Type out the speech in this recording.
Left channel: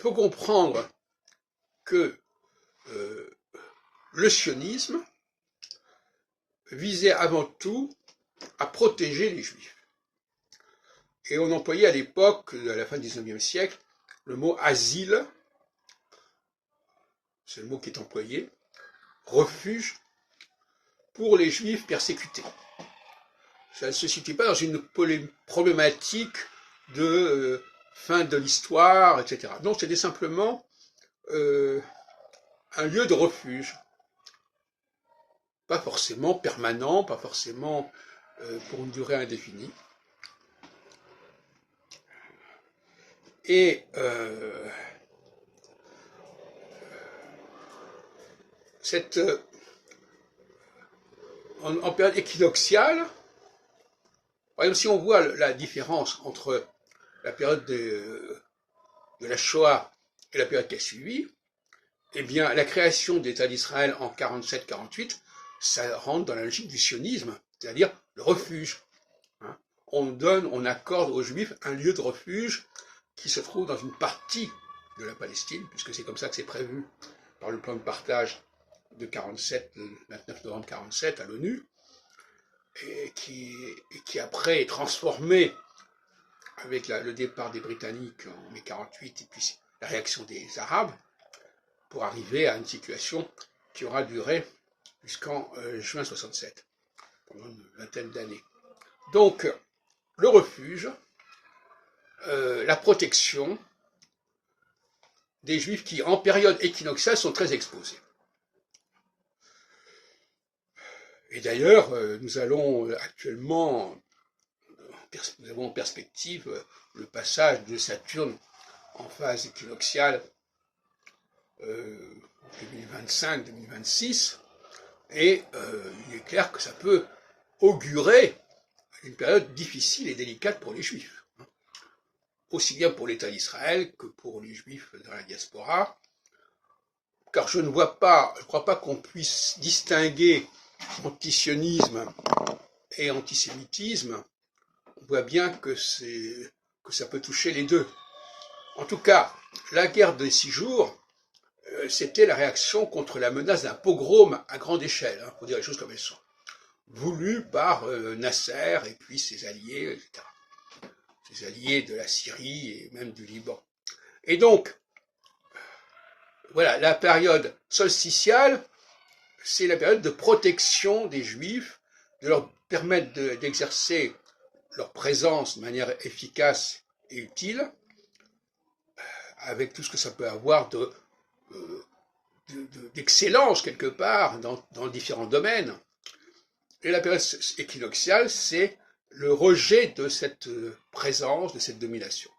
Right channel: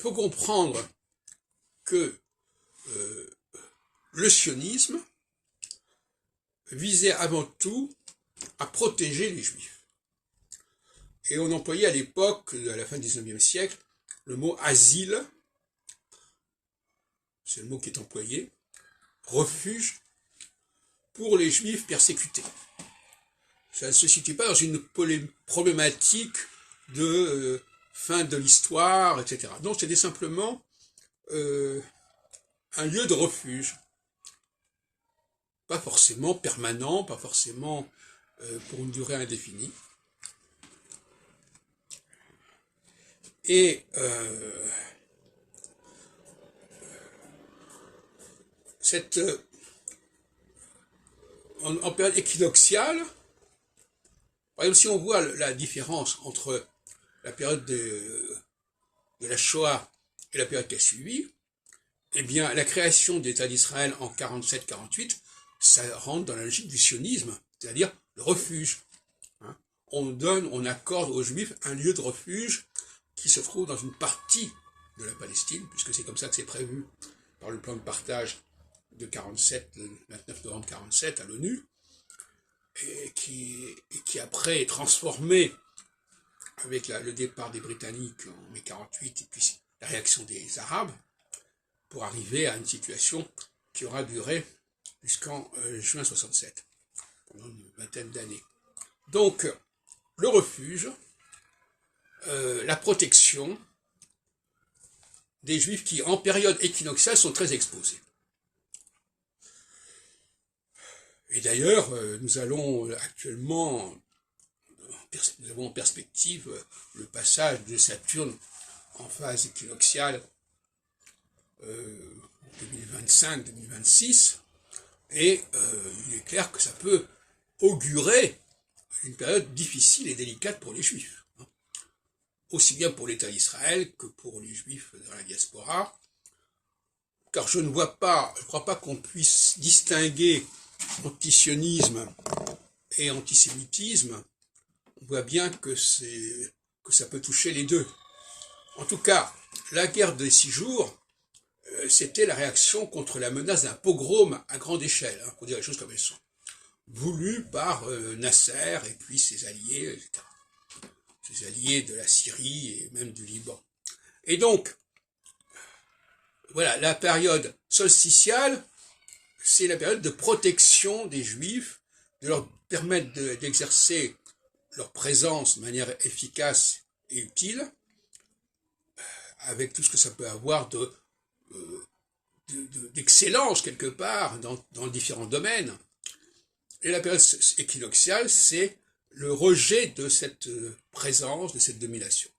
Il faut comprendre que le sionisme visait avant tout à protéger les Juifs. Et on employait à l'époque, à la fin du XIXe siècle, le mot asile, c'est le mot qui est employé, refuge pour les Juifs persécutés. Ça ne se situe pas dans une problématique de fin de l'histoire, etc. Donc c'était simplement un lieu de refuge. Pas forcément permanent, pas forcément pour une durée indéfinie. Et en période équinoxiale, par exemple, si on voit la différence entre la période de la Shoah et la période qui a suivi, eh bien, la création de l'État d'Israël en 47-48, ça rentre dans la logique du sionisme, c'est-à-dire le refuge. On accorde aux Juifs un lieu de refuge qui se trouve dans une partie de la Palestine, puisque c'est comme ça que c'est prévu par le plan de partage de 47, le 29 novembre 47 à l'ONU, et qui après est transformé avec le départ des Britanniques en mai 48 et puis la réaction des Arabes, pour arriver à une situation qui aura duré jusqu'en juin 67, pendant une vingtaine d'années. Donc, le refuge, la protection des Juifs qui, en période équinoxiale, sont très exposés. Et d'ailleurs, nous avons en perspective le passage de Saturne en phase équinoxiale 2025-2026, et il est clair que ça peut augurer une période difficile et délicate pour les Juifs, aussi bien pour l'État d'Israël que pour les Juifs dans la diaspora, car je ne crois pas qu'on puisse distinguer antisionisme et antisémitisme. On voit bien que ça peut toucher les deux. En tout cas, la guerre des 6 jours, c'était la réaction contre la menace d'un pogrom à grande échelle, pour dire les choses comme elles sont, voulu par Nasser et puis ses alliés, etc. Ses alliés de la Syrie et même du Liban. Et donc, voilà, la période solsticiale, c'est la période de protection des Juifs, de leur permettre d'exercer leur présence de manière efficace et utile, avec tout ce que ça peut avoir d'excellence quelque part dans différents domaines. Et la période équinoxiale, c'est le rejet de cette présence, de cette domination.